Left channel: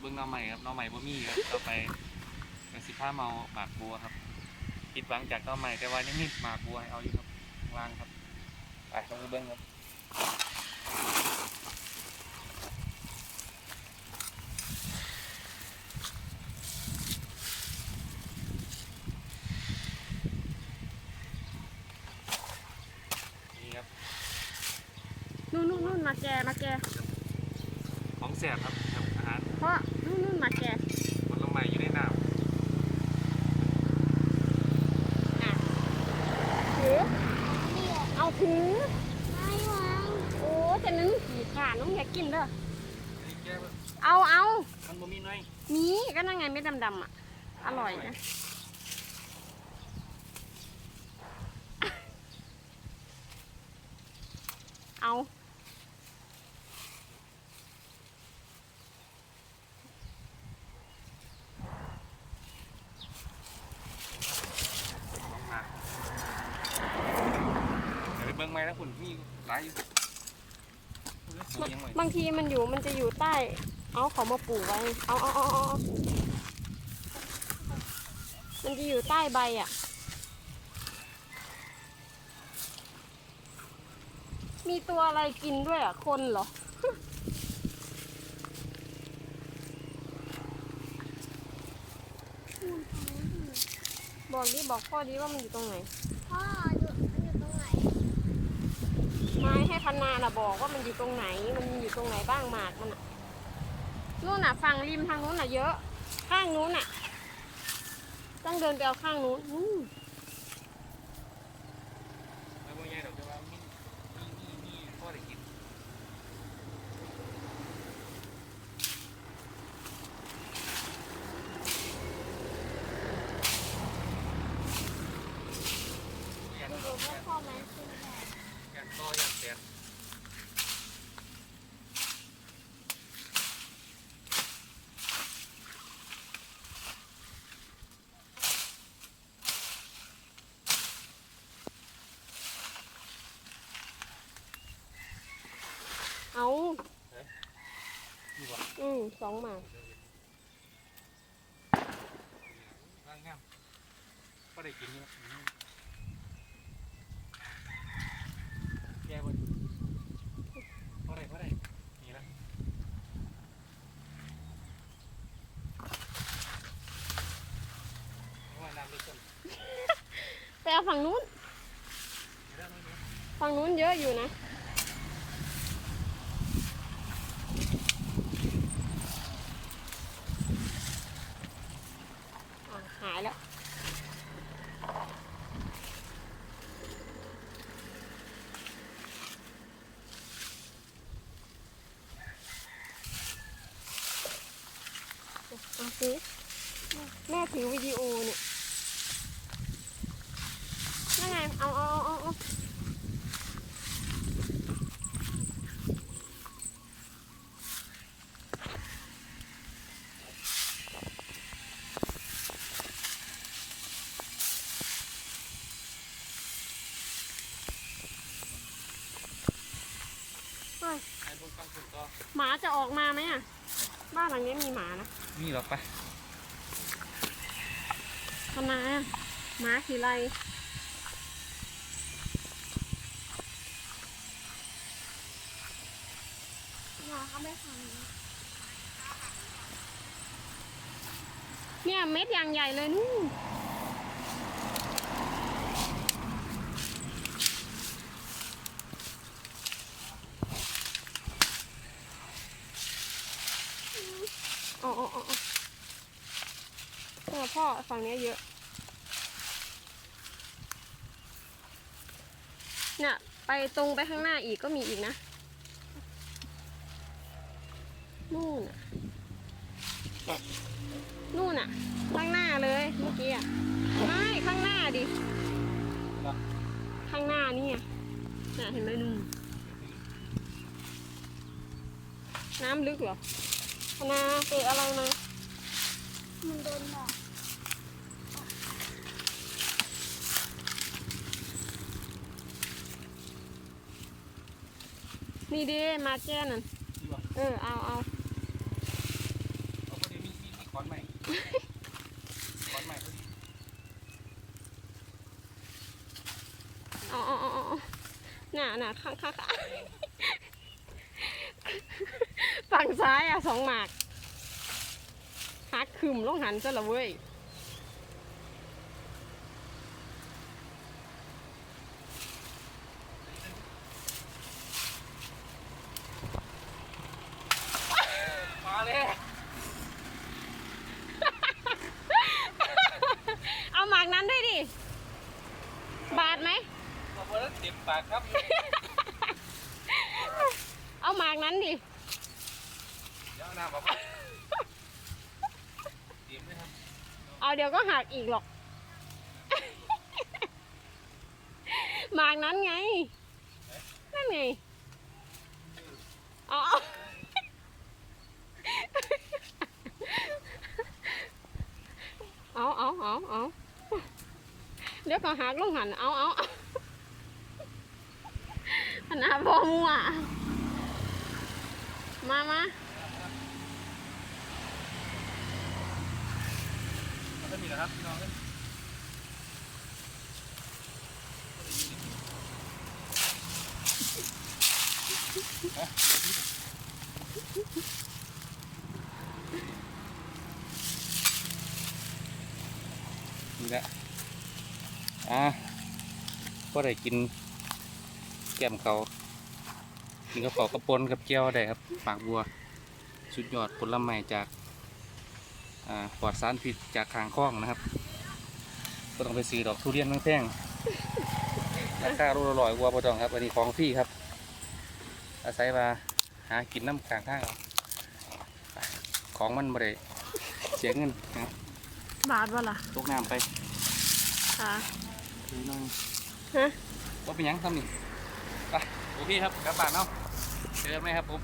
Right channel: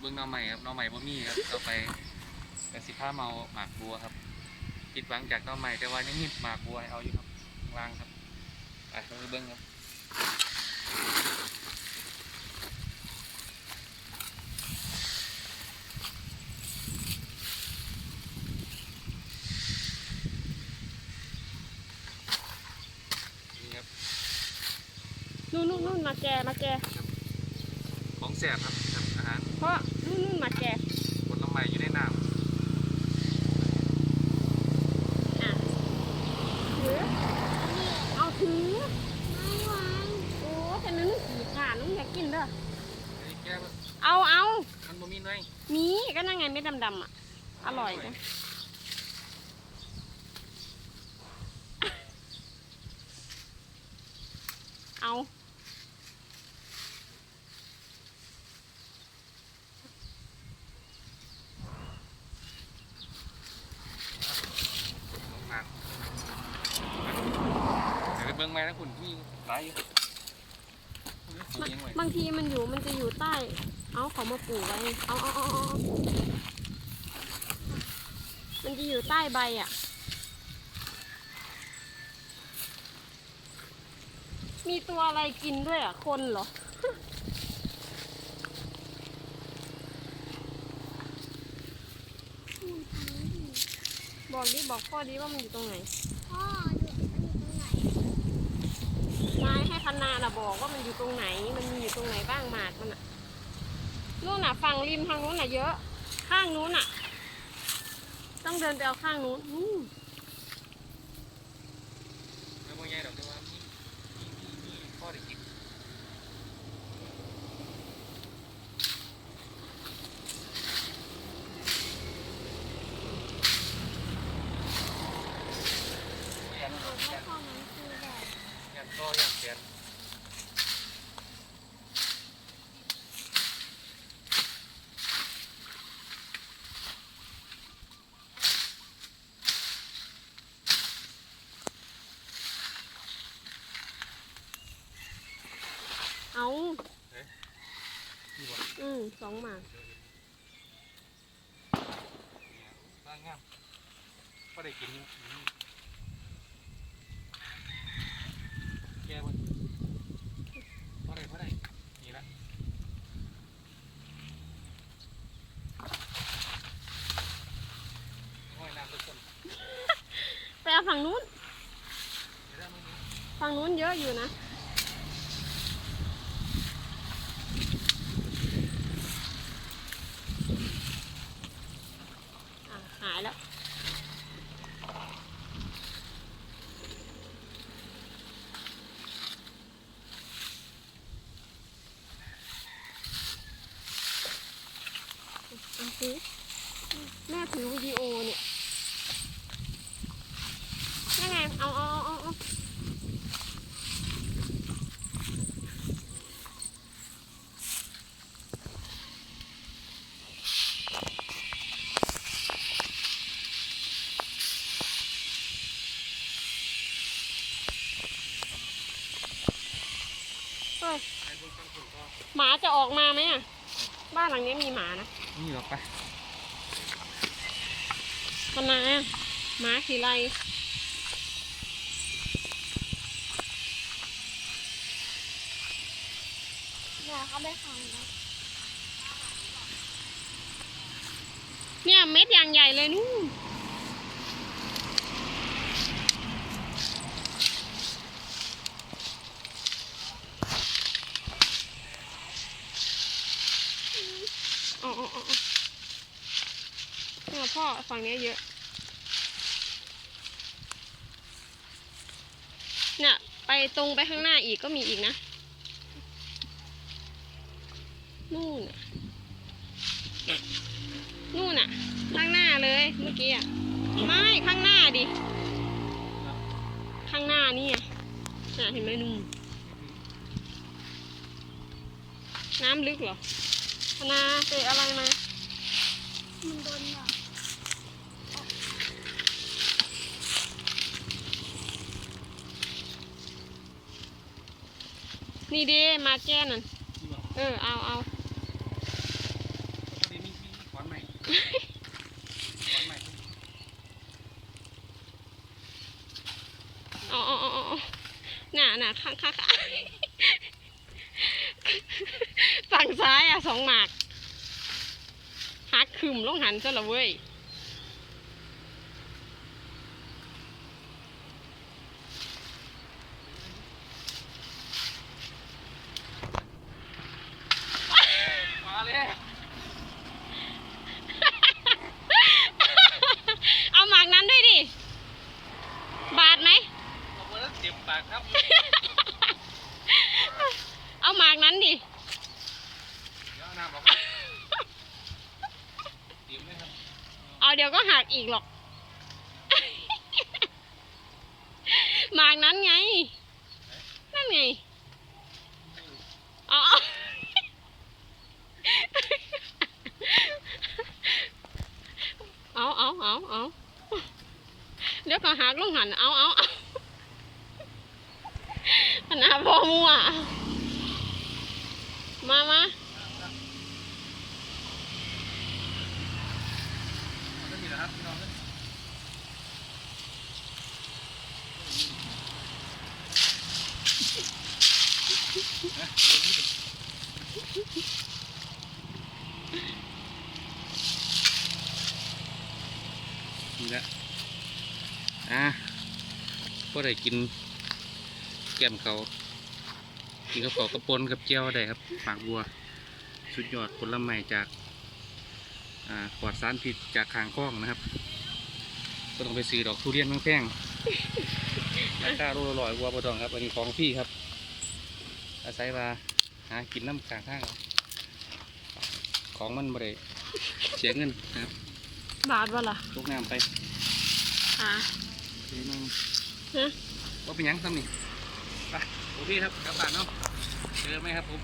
เบิ้งหน้องใหม่ครับหน้องใหม่บ่มีครับต่อไปเป็นสิบห้าเมาหมากบัวครับผิดหวังจากหน้องใหม่แต่ว่ายังมีหมากบัวให้เอาอยู่ครับข้างล่างครับอะลองไปเบิ้งครับนี่ครับนู่นนู่นนู่นมาแกมาแกของแสบครับนี่ครับ อาหารเพราะนู่นนู่นมาแกผลไม้อยู่ในน้อะถือเอาถือไม่วางโอ้แต่นั้นมันขี่ขาน้องอยากกินเด้อำอันนี้แก้วเอาเอามันบ่มีน้อยมีก็นั่งไงเม็ดดำๆอะอร่อยนะเอา น้องหมากเดี๋ยวไปเบิ้ งไม้แล้วคุณมีหลายอยู่ปลูกยังไงบางทีมันอยู่มันจะอยู่ใต้ เอาเขามาปลูกไว้เอาเอาเอาเอาเอามันจะอยู่ใต้ใบอะ มีตัวอะไรกินด้วยอะ คนเหรอบอกดิบอกพ่อดิว่ามันอยู่ตรงไหน พ่ออยู่มันอยู่ตรงไหน ไม้ให้พันนาน่ะบอกว่ามันอยู่ตรงไหน มันมีอยู่ตรงไหนบ้างหมากมันอะนู่นน่ะฝั่งริมทางนู้นน่ะเยอะ ข้างนู้นน่ะ ต้องเดินไปเอาข้างนู้นอืม ไม่บ่ใหญ่ดอกแต่ว่ามีมีมีมีพ่อได้กินบ่ยันดอก แม่ ยัน พ่อมันคือแบบ ยันต่อยันแสน เอา นี่บ่ อืมสองหมากเนี่ยร่างงามพ่อได้กินอยู่อืมแก้บ่พ่อได้พ่อได้นี่ละโอ้ยน้ำลึกจนไปเอาฝั่งนู้นเดี๋ยวได้มั้ยเนี่ยฝั่งนู้นเยอะอยู่นะอะ หายแล้ว เอาสิแม่ ถือวิดีโอเนี่ยนั่นไงเอาเอาเอาเอาเอาเฮ้ยหมาจะออกมาไหมอะ บ้านหลังนี้มีหมานะนี่หรอกไปำไมอะหมาขี่ไรอยาเอาไปฝังเนี่ยเม็ดอย่างใหญ่เลยนู่นอ๋ออ๋ออ๋อเนี่ยพ่อฝั่งนี้เยอะ เนี่ย ไปตรงไปข้างหน้าอีกก็มีอีกนะ นู่นน่ะนู่นน่ะข้างหน้าเลยเมื่อกี้อะไม่ข้างหน้าดิ ข้างหน้านี่อะน่ะเห็นไหมนุ่มน้ำลึกเหรอพนาเตะอะไรมามันโดนแบบ นี่ดิมาแก้นั่นเออเอาเอาเอาก้อนใหม่อ๋ออ๋ออ๋ออ๋อน่ะน่ะข้างข้างข้างฝั่งซ้ายอะสองหมากหักขึมลงหันซะละเว้ย มาเลย เอาหมากนั้นด้วยดิ บาดไหม ขอบคุณแล้วเจ็บ ปากครับเอาหมากนั้นดิเดี๋ยวเอาน้ำบอกว่าเตรียมด้วยครับเอาเดี๋ยวก็หักอีกหรอก หมากนั้นไง นั่นไงเอาเอาเอาเอาเอาเดี๋ยวก็หักลงหันเอาเอาเอา ขนาดพอมัวมามามันจะมีเหรอครับพี่น้องกันนี่แหละอะก็ได้กินแกมเขากินกระป๋อกระปนกับเจียวได้ครับ ปากบัว สุดยอดผลไม้จากอ่าปลอดสารพิษจากคางคล้องนะครับก็ต้องไปซื้อดอกทุเรียนแพงๆราคารูละร้อยกว่าบ่ต้องครับอันนี้ของฟรีครับ อาศัยว่าหากินน้ำข้างข้างเอาไปของมันบ่ได้เสียเงินนะครับ บาดวะล่ะตกน้ำไปค่ะเลยนึงฮะว่าเป็นหยังทำนี่ไป โอเคครับกลับบ้านเนาะเจอไหมครับผม